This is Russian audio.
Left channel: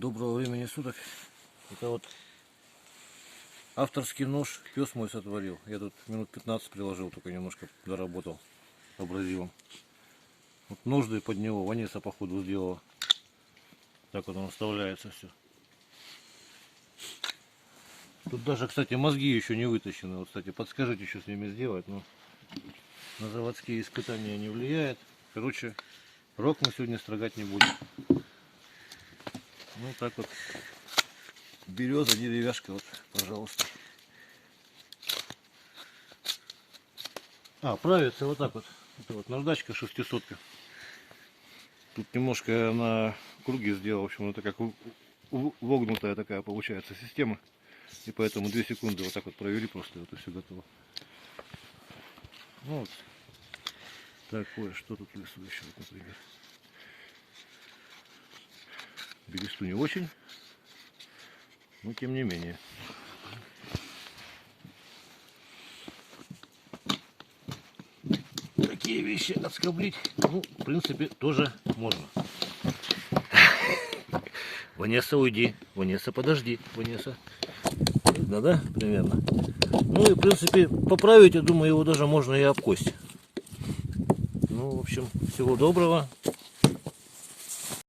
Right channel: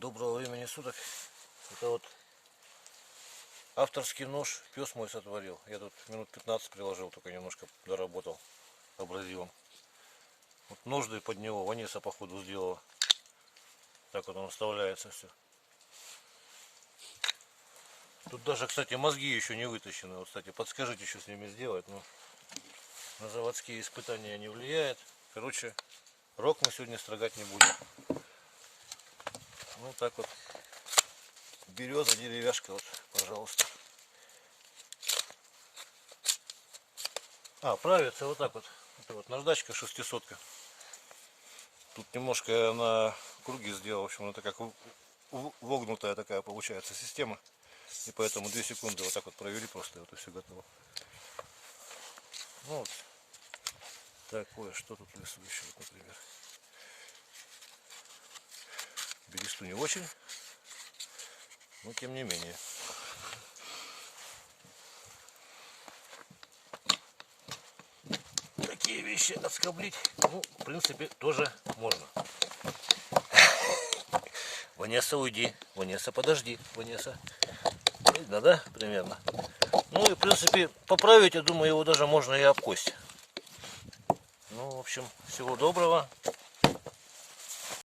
Доброго времени суток. Это вот авторский нож пес мой сотворил. Я тут минут 15 приложил, только немножко доработал абразивом. Вот ножды под него Ваниса походу сделала. Так вот он вставляется все. Тут даже, кстати, мозги еще не вытащены. Вот, кстати, подскажите, что с ними сделать. Ну, на заводские испытания не влияет. Короче, рог мы сегодня строгать не будем. Ну так вот. Береза, деревяшка, вот, пожалуйста. Правится вот так вот. Это вот наждачка 600. Тут немножко на круги сделал. В общем, это как вогнутая такая получается система. И поэтому 2 секунды вот так вот провели просто, вот и все готово. Вот. Такое, что тут лысый еще, вот, например. Бересту не очень, но тем не менее. Такие вещи отскоблить, ну, в принципе, тоже можно. Ванесса, уйди. Ванесса, подожди. Ванесса. Видно, да? Примерно. Ну и, в принципе, поправить, я думаю, его даже можно и об кость. Ну, в общем, всего доброго.